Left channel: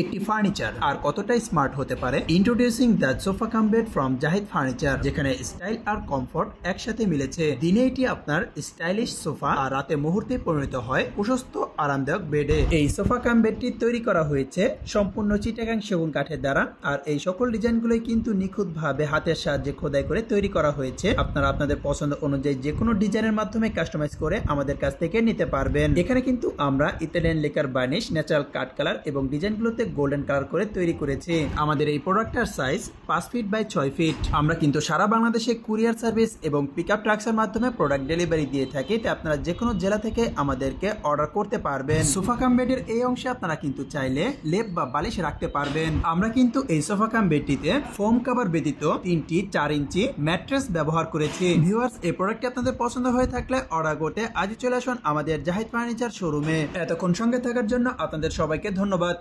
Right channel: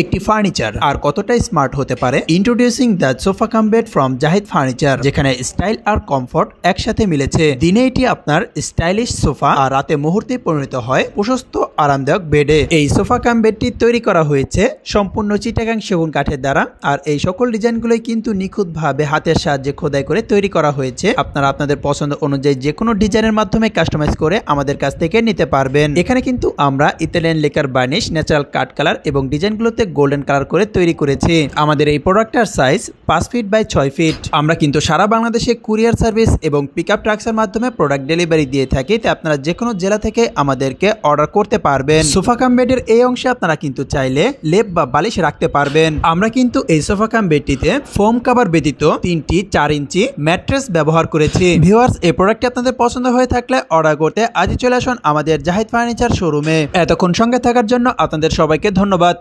একটি ফার্নিচার আর কতটা স্মার্ট হতে পারে। Introducing the sofa cum bed from Zahid furniture, যেখানে স্টাইল আর কমফোর্ট একসাথে মিলেছে। দিনে এটি আপনার স্টাইলিশ সোফা আর রাতে মুহূর্তে পরিণত হয় প্রশস্ত আরামদায়ক বেডে। এই সোফা কাম বেডটি তৈরি করা হয়েছে সম্পূর্ণ চিটাগাং সেগুন কাঠের দ্বারা, আর এই সকল ডিজাইনগুলোই কিন্তু নিখুঁতভাবে হাতের সাহায্যে খোদাই করে তৈরি করা হয়েছে। আপনারা আপনাদের পছন্দ অনুযায়ী যে কোনো ডিজাইনের মাধ্যমে কাস্টমাইজ করে আমাদের কাছ থেকে নিতে পারবেন। এখানে কিন্তু আমরা ইতালিয়ান লেকার বার্নিশ, ন্যাচারাল কাট কালার এবং ডিজাইনগুলোতে গোল্ডেন কালার করে তৈরি করেছি। আমাদের এই প্রোডাক্টটার সাইজ 5 ফিট বাই 6 ফিট। আমরা কিন্তু সারা বাংলাদেশে কুরিয়ার সার্ভিস এবং পিকআপ ট্রাক্সের মাধ্যমে প্রোডাক্ট ডেলিভারি দিয়ে থাকি। তাই আপনারা যে কোনো জেলা থেকে আমাদেরকে অর্ডার করতে পারবেন। সোফা কাম বেডের এই অংশে আপনারা কিন্তু চাইলে লেপ বা বালিশ রাখতে পারবেন। আমরা কিন্তু এই সোফা কাম বেডটিতে ফোম কভার ব্যতীত 3টি 4 ইঞ্চি ম্যাট্রেস ব্যবহার করেছি। ভিউয়ার্স, এই প্রোডাক্টটি আপনাদের পছন্দ হয়ে থাকলে অর্ডার করতে আজই চলে আসুন আমাদের জাহিদ ফার্নিচার শোরুমে। এতক্ষণ সঙ্গে থাকার জন্য আপনাদের সবাইকে ধন্যবাদ।